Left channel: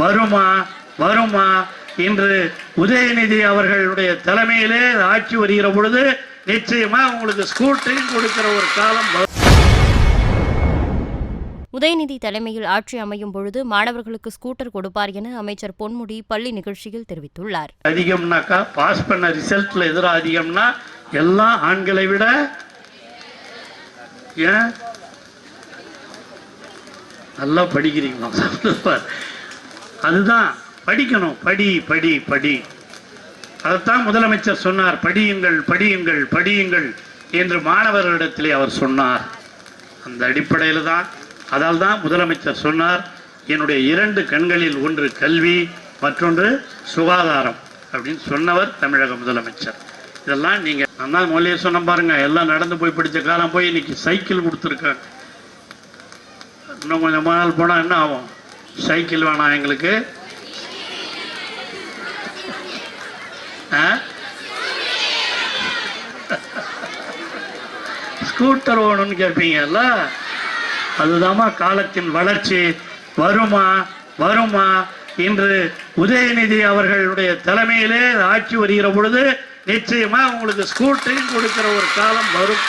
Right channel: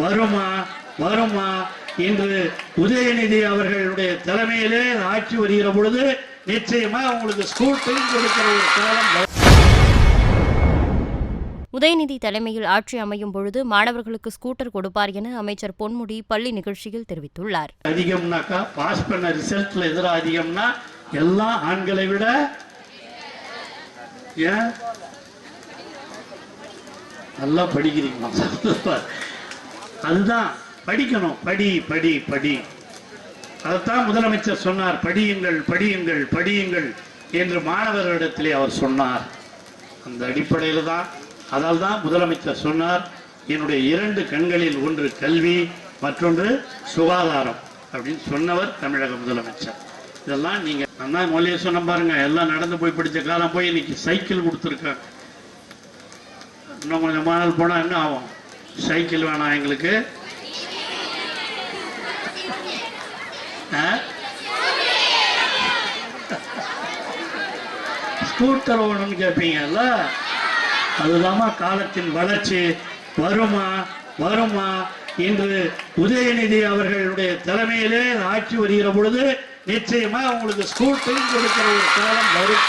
வருமா வருமா இன்று உதயநிதி அவர்களுடைய தலைமையிலே ஆட்சி வருகிற பொழுது நிச்சயமா உங்களுக்கு ஸ்கூட்டரையும் கொடுக்கிற ஒரு காலம். உதயநிதி தலைமையில் ஆட்சி அமையும் பொழுது மாணவர்களுக்கு ஸ்கூட்டர் கொடுப்பார் என அமைச்சர் பொன்முடி பள்ளி நிகழ்ச்சியில் தெரிவித்துள்ளார். அதிகம்னாக்கா பாஸ் பண்ண ரிசல்ட்ல எதிராக அதிகம்னா எல்லாம் ஆண்களை விட ஏன் நல்லா படிக்கிறீங்க, அதுதான் படிக்கணும். படி படி படி, அதைத்தான் முதலமைச்சர் சொன்னார். படியுங்கள் படியுங்கள் படியுங்கள் என்று மாணவர்களிடத்திலே அவர் சொன்னார். அந்த அடிப்படையில் தான், அதால் தான் முதலமைச்சர் சொன்னார், என்னுடைய 2 கண்களில் ஒன்று கல்வி மற்றொன்று சுகாதாரம் அப்படின்னு சொன்னவர் தமிழக முதலமைச்சர். இதெல்லாம் நீங்க நான் தான் மொழியை சொன்ன பாருங்க, எல்லாம் நடந்து போய் படிச்ச காலம் போய் இன்னைக்கு சைக்கிள் கொடுத்துருக்காங்க. இன்னும் கொஞ்சம் நாள் போனா என்ன ஆகும்? சைக்கிள் வேணாம் எங்களுக்கு, ஸ்கூட்டர் வேணும்னு கேட்பீங்கல்ல. அதுதாமா காலத்தின் வளர்ச்சி. வருமா வருமா இன்று உதயநிதி அவர்களுடைய தலைமையிலே ஆட்சி வருகிற பொழுது நிச்சயமா உங்களுக்கு ஸ்கூட்டரையும் கொடுக்கிற ஒரு காலம் வரும்.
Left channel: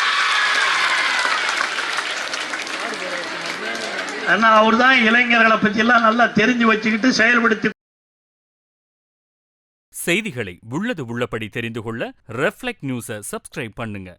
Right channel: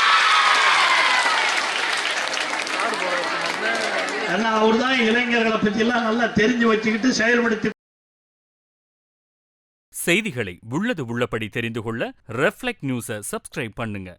ஆனா அவர் தான் இளைஞர்களை பத்தி எல்லாம் நல்லா தெரிஞ்சு வச்சுக்கிட்டு செயல்படுத்தி. செய்திகளை உள்ளது உள்ளபடி தெரிந்து கொள்ள ரெஃப்ளெக்ட் நியூஸை சப்ஸ்கிரைப் பண்ணுங்க.